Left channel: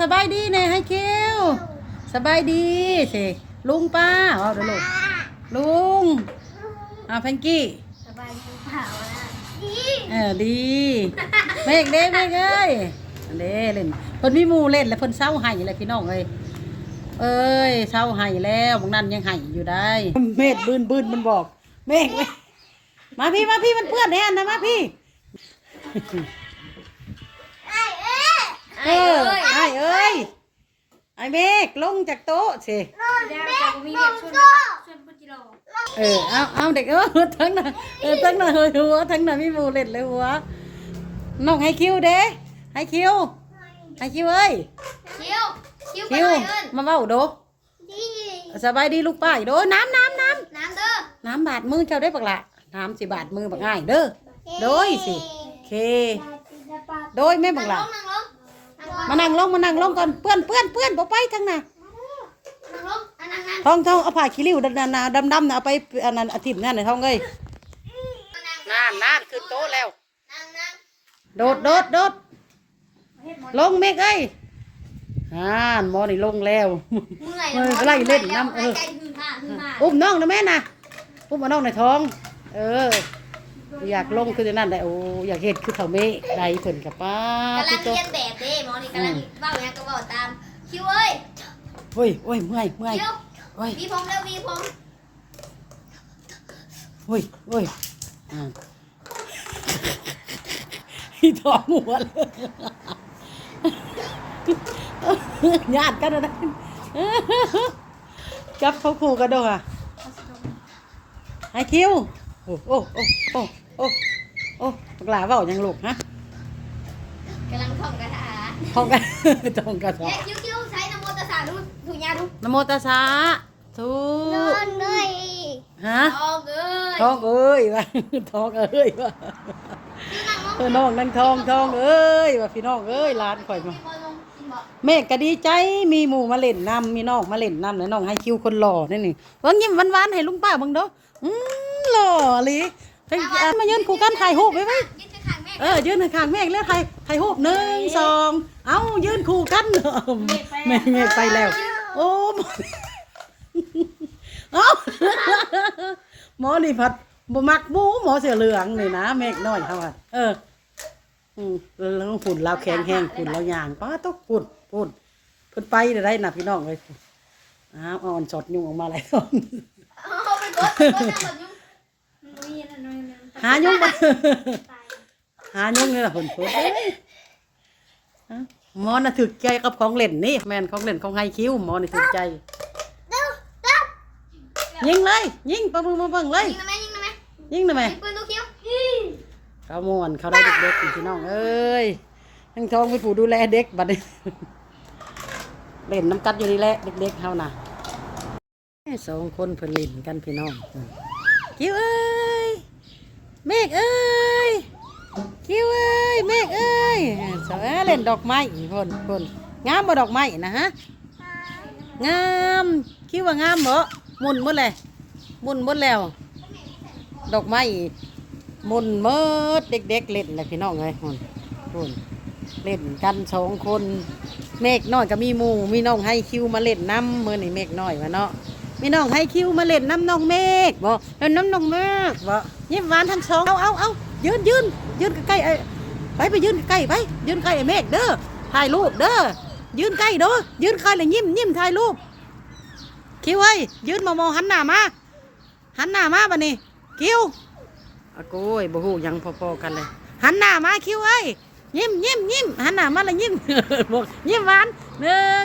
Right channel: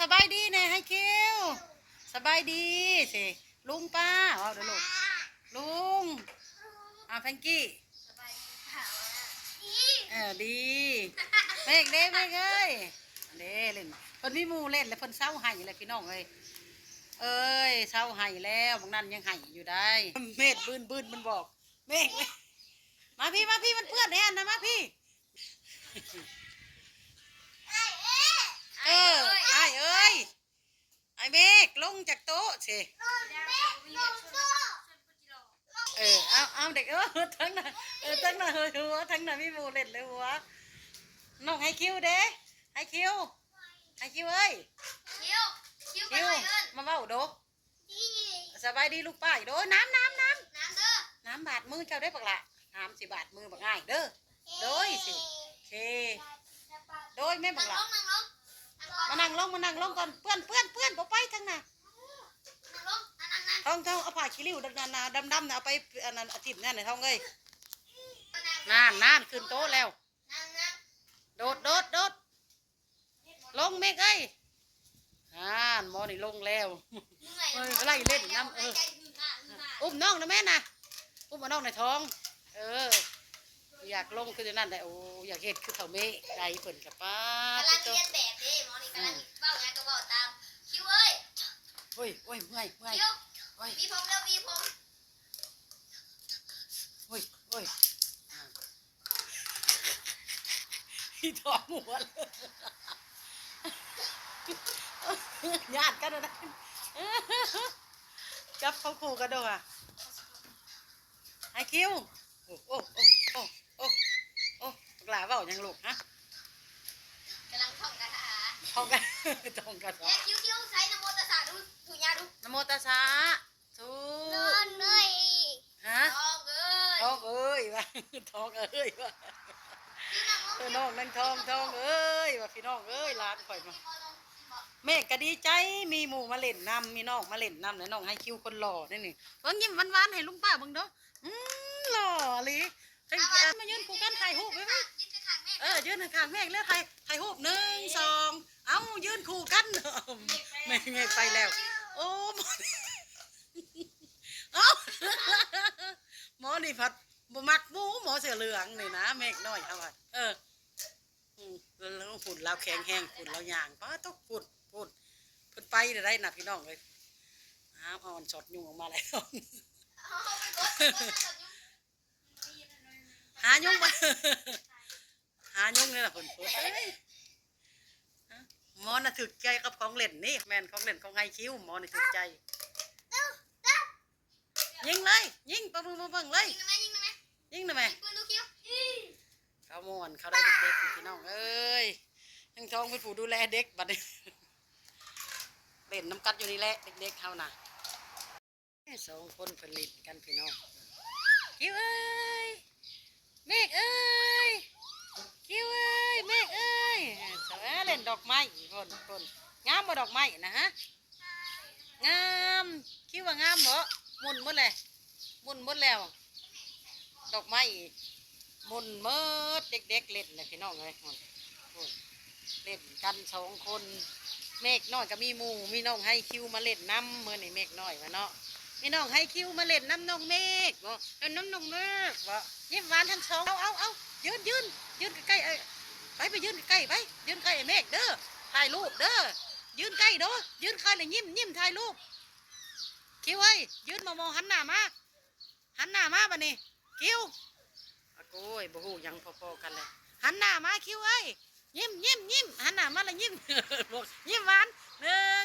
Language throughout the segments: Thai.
สบายดีแน่ให้คิวสบายดีสิลุงป้าเอาเดี๋ยวลูกลุงอ่าแพงกี้สบายดีเปล่านะดีเออดีเมกเด้เมกเอ้ยอันเด้เล่นเพิ่นมีหมู่เล่นแล้วเพิ่นเศร้าไห้เลยพี่น้องเอ้ยเอ้ยเศร้าไห้แล้วบางนั้นยังไห้อยู่ได้เมฆบืนบืนมันบอกเมฆเว้ยมาพี่มาพี่มันเพื่อนแน่นะมาพี่ไอ้ เอ้ยเออไอ้เอ้ยไอ้เมฆลงจากโต๊ะสิเดี๋ยวจะมีเด็กชวนชวนปุจิโร่เออเอาเอาเด็กเออทั้งน่ะเออทั้งน่ะเฮยหัวทั้งน่ะมีหมูเล็ดเลยหัวน้องให้คิวเด้ให้คิวให้คิวเอ้ยคิวคิวไปคิวไหนเอิ้นมาเบ้าโดดีสบายดีลูกป้ายโดน้ำน้ำน้น้ำเด้อำน้ำบาดมือเจ้าได้ปักละน้ำสิบาดมือบักง่ายเด้อโดยสิโอเคโดยแม่บันั่กงลละงนั่งลง มานั่งลงมานั่งลงก่อนเปื้อนเปื้อนเปื้อนบ่ไปทั้งน่ะนั่งลงนั่งนั่งทองทองเอาผ้าขี้ริ้วดำๆดำดำๆน่ะเอาไปอันนั้นอาทิตย์นั่นน่ะทองเอ้ยนานนานขึ้นโต๊ะแล้วนั่งนั่งโดดโดดโดดลงเมฆเอ้ยอ่านหมอนี่ลงแล้วเมื่อยเออไล่เล่นน้ำเออใจหือห่าหือห่าอุ้มน้องนะแม่นะอุ้มเอาน้องในท้อง เออ อยากลงคือจะนั่นได้โอ้อยากเห็นคือเขาเมฆได้เพิ่นกับป้ากำลัพี่งโตเรียนแบบเด้หมอนี่ กำลังเบ้าอย่างก็เบ้าตาม คิวเอ้ยโอ้ยโอ้ยเมื่อยเมื่อยคิวโอ้ยวีผมแล้ววีผมโอ้ยโอ้ยอ่าพี่ท้องหัวเลยญาติกันนะจับเขาคู่กันด้วยค่ะให้คิว โอ้โอ้โอ้โอ้โอ้โอ้ปากหลาเปล่ายังลูกฮะ กำลังท่องคาถา ท้องกันท้องกันเย้คิวคิวใช้นโมตัสสะดูถูกยาดูนะโมตัสสะทูนเลยฮะทองเอ้ยท้องเอ้ยว่ะท้องเอ้ยว่ะเออน้องนั่งท้องท้องเอ้ยว่ะพี่น้องเอ้ยหลานข่อยมาพี่บอลลงพี่บอกแม่ก็ดีใจมีหมู่มาเล่นนำมีน้องมาเล่นนำแล้วน้องให้คิวคนหล่อนี่นี่เบิ่งยิ้มหวานๆให้ลุงป้าเบิ่งเด้ออืมหล่อหลี เฮ้ยอะมายืนคู่กันถ่ายรูปไว้ไว้ยืนข้างๆแม่เออยืนข้างๆแม่แล้วถ่ายถ่ายรูปหนึ่งสองเอ้ายืนคู่กันเออแม่แม่ไปแล้ว โอ้หมอเอ้าหมอนี่ผัดบ่มักหมูหมอเสือเหลืองนี่นะเมฆน้อยเขาว่าเอออืมแล้วฝุ่นเราแข็งแห้งฝุ่นเราย่างป้าต้องฝุ่นฝุ่นเพิ่นไปได้นะพี่น้องเลยอ้าวอ่อนสดยุ่งออกมาหลายตอนเอาไปกดไปกดจังหวัดยุ่งนุ้ยนะนุ้ยนะ หายุ่งมาตายหายุ่งนี่แหละผลผลหมอน่ะถึกใจกับของเล่นนี่แมนของเล่นของไฮคิวหมอนี่ถึกใจ ยิงเลยยิงปะมือมาเบิ่งเลย ยิงนะแม่ยิงนะแม่ยิงหน่อยไมยิงปืนลูกคิ้วเขาม่วนเขาได้เด็กๆพี่น้องเอ้ยทั้งทองเป็นผู้ดูแลเด็กบัดนี้เล่นน้ำกัดอยู่นี่แหละเด็กๆเขาน่ะสองคนเพิ่นเล่นกันพี่น้องคิวเอ้ย เมฆเอ้ยคิวเอ้ยเมฆเอ้ยสาวเล่นดอกไม้พ่นพ่นงามบ่ดอกไม้นะฮะงามคิดว่างามบ่หมุนหมดเลยหมุนหมดแล้ว ดอกไม้มุนเมิดเด็กๆเล่นเลยพี่น้องเลยหุ่นหุ่นเล่นกันสองคนเมฆน้อยก็มีหมูมีน้องให้คิวมาเล่นน้ำมือนี่เมฆน้อยวะเนาะ มีน้องให้คิวมาเล่นน้ำน้องเมฆบ่เล่นน้ำน้องเมฆบ่ยิ้มหวานทั้งสองเอาเอาเอายืนยืนยืนใกล้ๆไอ้ไปไปยืนใกล้ไปยืนใกล้ไอ้เมฆเด้อถ่ายรูปเด้อยืนใกล้เด้อยืนใกล้เลยยิ้มยิ้มถ่ายรูปคิวเอ้ยยืนมามองหันหน้ามาหันหน้ามาบัดนี้คิวอะโก้ยบ่ฮู้หยังพอๆกันเลยหันหน้ามาคิวเอ้ยยิ้มยิ้มยิ้มหันหน้ามาแล้วยิ้มบอกยิ้มหวานหนึ่ง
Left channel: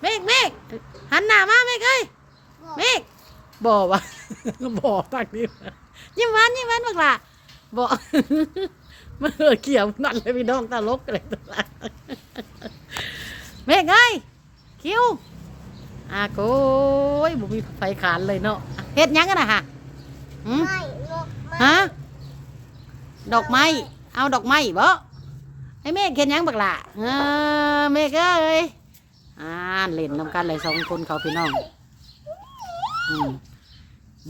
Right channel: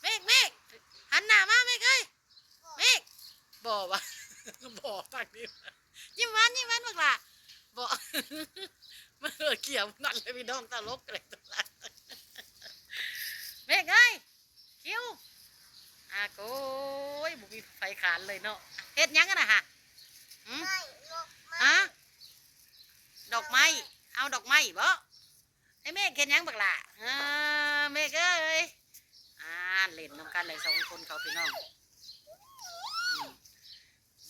เมฆเมฆหันหน้ามาเมฆเอ้ย เมฆบ่วะบ่ตักนี้ยิ้มหวานยิ้มหวานบักล่ะบ่มาเออเกี่ยวนั่นเลยพี่น้องตลกเลยตัวละเมฆเอ้ยคิวอาโก้ยบ่มีไฟขานเลยเนาะเฮ็ดหยังกันนะฮะหืมไม่ลูกฮะดอกไม้เอาดอกไม้บ่ให้แม่เขียนหยังบักล่ะเออแม่ก็เอ้ยอ่านเล่นนำกันเลยสองคนเขาพี่น้อง อืม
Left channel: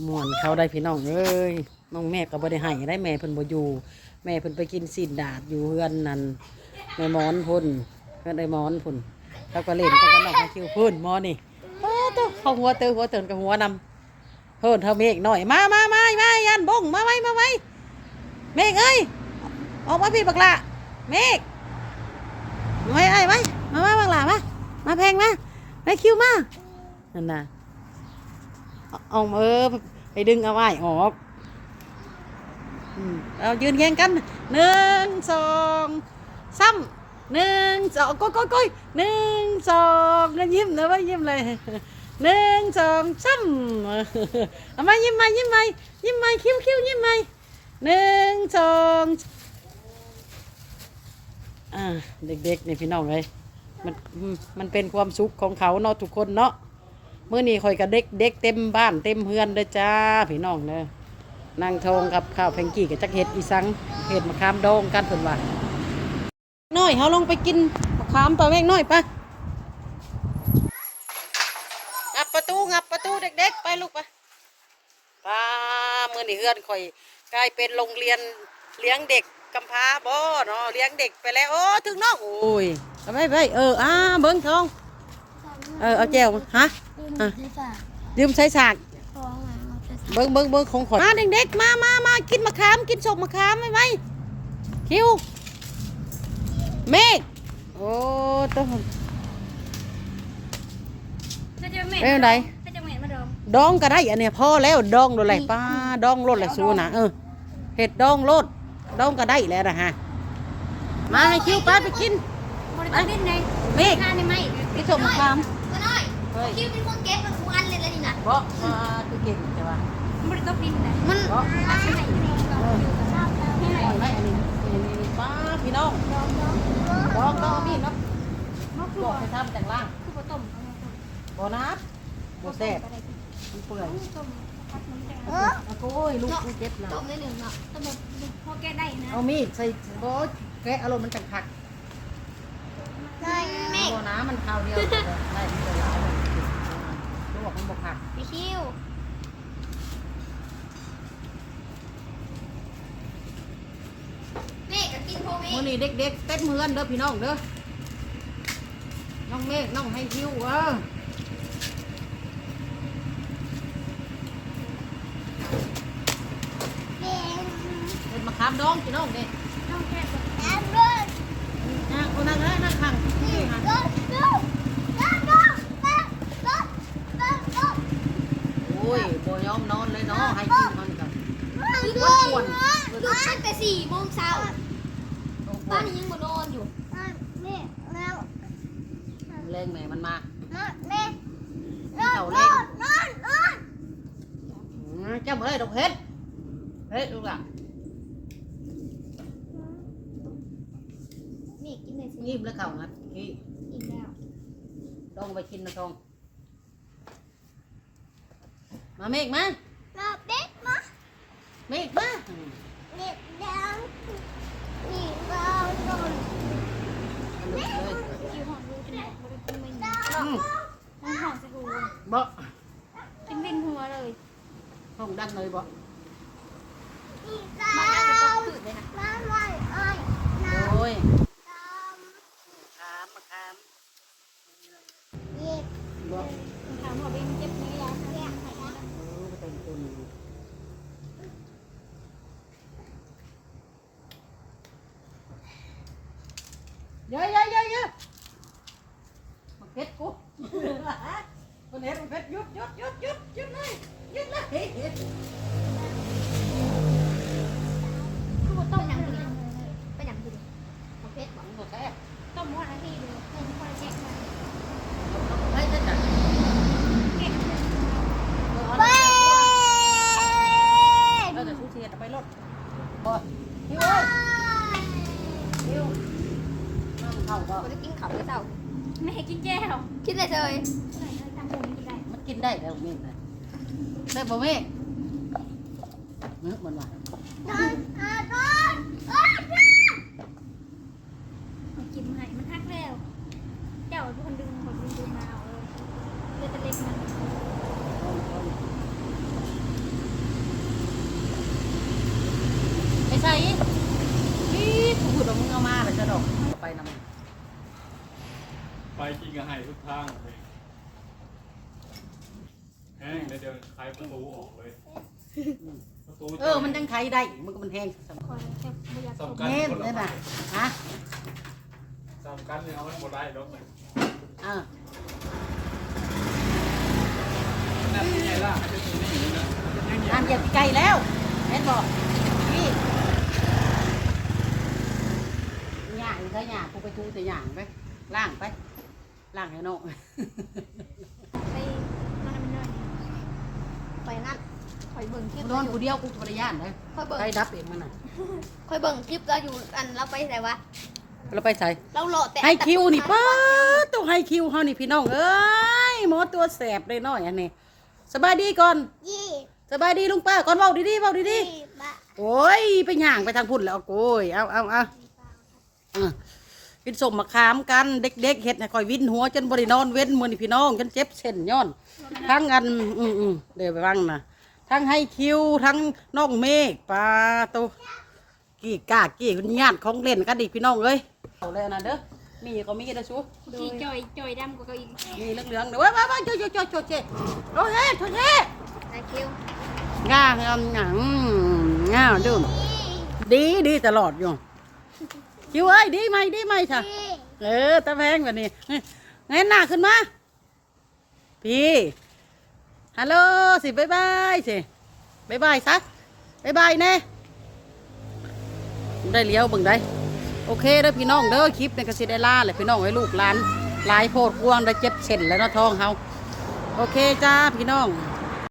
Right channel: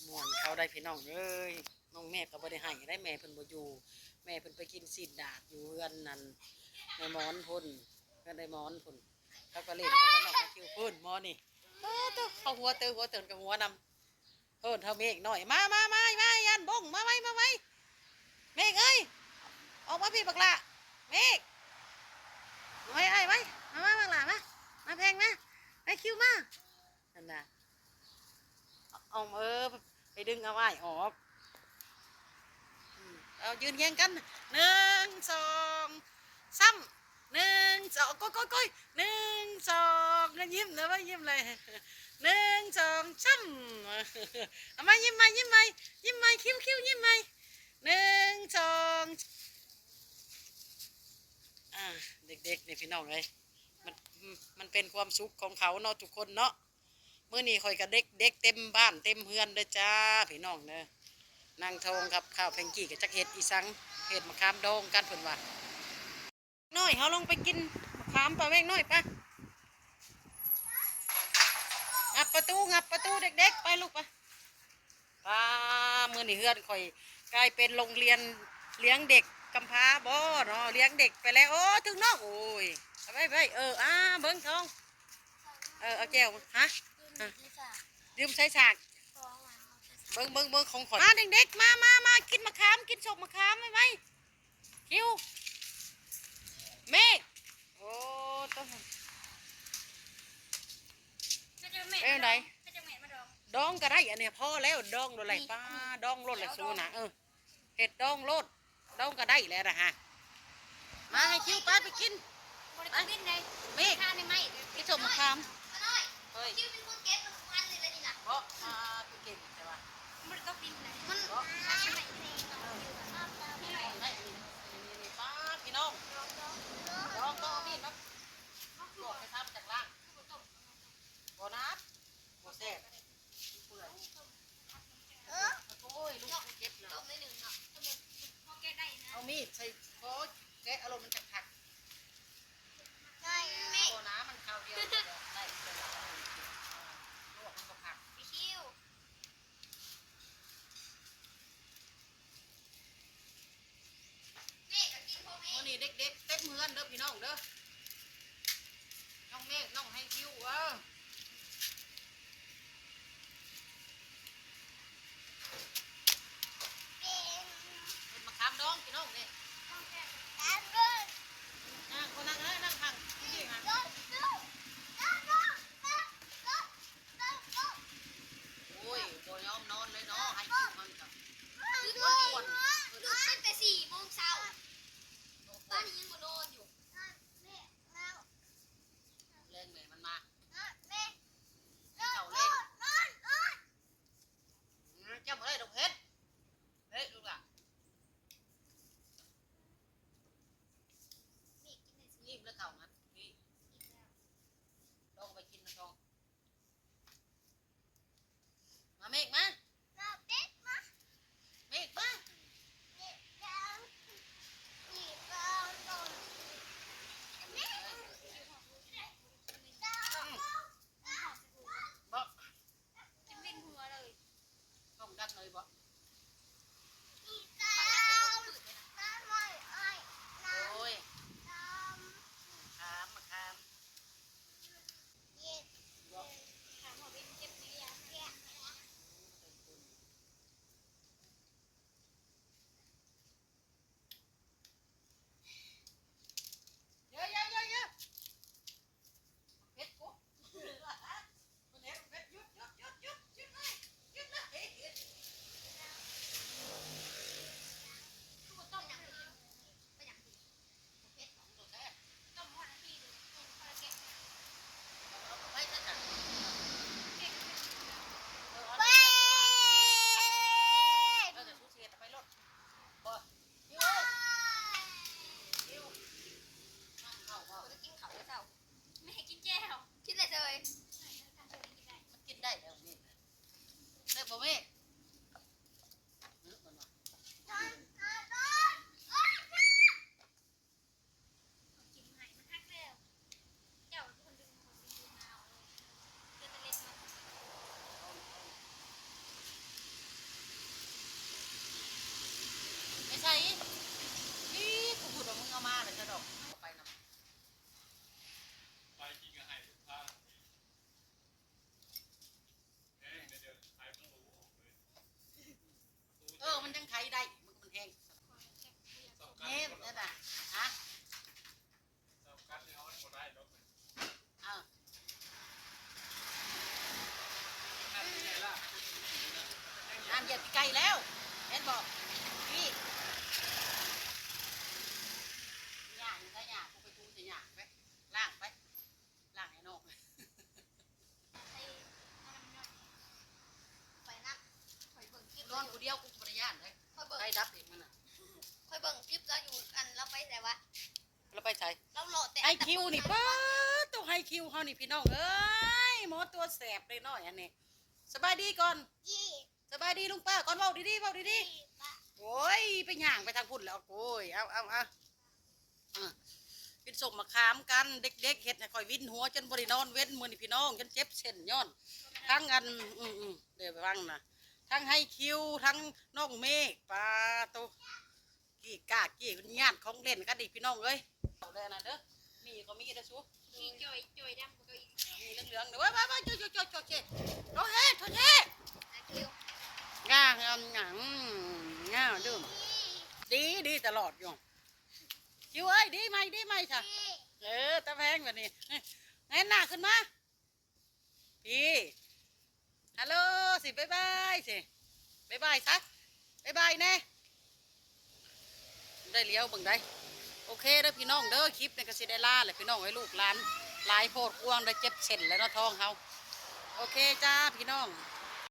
มวนเขาได้พี่น้องเอ้ยน้องแม่ก็บ่ได้ให้ได้แม่เพิ่นบ่อยู่ แม่เพิ่นไปกินสินดาดอยู่เฮือนนั่นแม่หมอนพุ่นเพื่อนไอ้หมอนพุ่นเขาก็เล่นกันกันหนอกมาคิวพื้นหมอนี่เออตัวเขาหัวเตอหัวเตือนกับหัวนำเพิ่นเท่าเมฆหน่อยมามามามายันบงมาไว้มาไว้เมฆเอ้ยออกมาพี่บักละเมฆมาไว้ไอ้ไว้มามาบักละมามาแพงมาไปคิวมานั่นน่ะ เอาเออไปดึงเอาไว้ออกเอายืนแข่งกันหนึ่งสองซ้ำหนึ่งสองก้อยก้อยก้อยหนึ่งสองแล้วยิ้มนะว่ายิ้มเลยหนึ่งสองซ้ำเอามายิ้มมายิ้มมายิ้มมาคิ้วคิ้วยิ้มมาหนึ่งสองเด็กๆในพี่น้องเลยมันมันเป็นความสุขของเขาเนาะทุกคนเนาะ มื่อนี้คอยกับเด็กเด็กเต็มบ้านเต็มเฮือนเลยจ้าพี่น้องเลยนางทองกับข้าวแพงกี้กับจักเห็ดอีสังเห็ดมะขามดองกันเพิ่นว่าน้อยเฮาลงไปกินมะขามปลาแม่งน้อยไปงับประตูงับประตูเด็ก ๆ ไปลูกไปป้ามื้อนี้เฮือนข่อยกลายเป็นโรงเรียนเลี้ยงเด็กกำพร้าบ่เนาะเลี้ยงเด็กไปแล้วโอ้ถึงน้องโอ้ยไปไปเอออ่าเบิ่งทองเออเอาแก้วมาฮะ อะยืมใช้ฉากเบิ้งเบิ้งเบิ้งของขอมาเด็กๆมามามากินมะขามกินสกมะขามไหมไหมคิวเมฆโอ้ต้องก็จะเหม็นเป็นไงก็จะเหม็นมาดมดองก็ได้อันเนี้ยพอแล้วดองโดนไรป้าดองโลดแหละสู้นะเออเห็ดดองโลดดองก็ได้แล้วนะฮะมาให้คิวป้าไปกินบริการเล่นในเมฆข้านี่ไหมกินสกมะขามก็น้อยเฮ้ย คิวเป็นคนเก็บมันทุกอันเลยแล้วนี่นะเพราะมาไปกินใช่ปะบริการบินเลยมันเพราะอันไหนอร่อยไหมอันนี้นี่นี่ป้าพี่น้องดองดองนี่เนาะมันคือบอกให้ทำแต่งล่างคือต้มบอนัสบอแซ่บมันเปื่อยต้มพัดมันแกงเอาโอ้ยลูกกูเจ็บแล้วต้มได้หนึ่งเนาะต้มพอแกได้นะเอามีดใส่โอ้ยแกะอารมณ์มันจังผักได้แม่บอน้ำมันคราวเดียวได้ได้ที่จะร้ายลว กมันบกผักพี่คิวแม่ก็กินพวกมื่อนี้เด็กๆเต้นเมือนเด้อพี่น้องเด้อ น้องเมฆน้องให้คิวเออเป็นเป็นมะขามดองพี่น้องเด้น้องแก้วแอนด้วยนะคนนั้นนะนั่งข้างนี่ฮะ งแม่มันมาแม่นอนนอนนอนนอนอืมเจ้าเมื่อไรดอกเฮ็ดเฮ็ดลูกอะนี่กินเลยสิงีบแล้วเข่านะนี่กินแล้วดองไปกินนะทองมาเมฆมารอบเด็กมาเมฆมาเด็กดังนี่เราโดนเอา kayo ba? เลยมันกินได้แล้วมีดเลยได้บ่มีดเนื้อมันหวาน ไปนำไปไปกินกับไห้ทุกทางเลยแห้งเดี๋ยวเดี๋ยวคลายประตูออกเลยประตูเออ มันยังไขได้ มันก็มันแห้งสำคอยแค่ไม่อยากตกสำคัญเน่นคนละได้ไม้ป่ะฮะสำคัญเลยเอามันหมดได้ดอกเลยอ่านั่นยังไงล่ะจะตีนี่นะยังไงอันเหยียบไก่แล้วแม่นบอกนี่ย่างซะย่างกูไปทูแต่ย่างไปล่างไป ล่างให้น้องไปนั่นมันนั่นไปนั่นคอยเบิ่งคลิปนเราอนอยู่กูเดียวกูภรรยานเลยคอยเบิ่งไก่ดับเองมันน่ะคอยเบิ่งคลิปเราอยู่อันเราไปไหนวะเราไปใส่เราโหลดแต่ให้คิวนี่ป้าต้องให้คิวเฮานี่พี่น้องเอ้ยหมอตัวแสบเลยน้อยอันนี้สบายดีก่อนยี่สบายดีลุงป้าก่อนเว้าดีๆเว้าดียี่บะๆโอ้ยไปย่างไปทางพุ่นแล้วโอ้ยเอาเอาเอา อะกินสมมะขามกันเด็กๆเฮ็ดให้คอยวินหัวจนบ่ได้นอนเว้นมื้อนี่พี่น้องจนเจ็บเส้นย้อน ทั้งอันอืมอืมเดี๋ยวไปฟังนะทั้งให้คิวทั้งน้องเมฆปลาโตกี่กากี่คุณญาติของเล่นกันดิพี่น้องเอ้ยเอาเลยนะเด้อมีก็มีนะชูที่จอยจอยดำกว่าเขาอีกมีเหลืองๆเด้อว้าวว้าวโจโจโจโจเจโอ้เฮ้โจเจไอคิวง่างามหยังง่าดูดีดีตลอดอยู่ คิวเอ้ยดีไหมดีไหมค่ะเออตะแพงแบบนี้เงยหน้าขึ้นมา พี่ฮัลโหลสิบายบายสิบายบายซะบายบายแน่ได้เลี้ยวเบิ่งได้โอเคเด้อพี่น้องเด้อคลิปในกสิได้ล่าเลยพี่น้องไว้ลูกหลานหลายโพดกวางได้เจ็บเส้นแล้วเนาะท้องเฮาโอเคจ้าพี่น้อง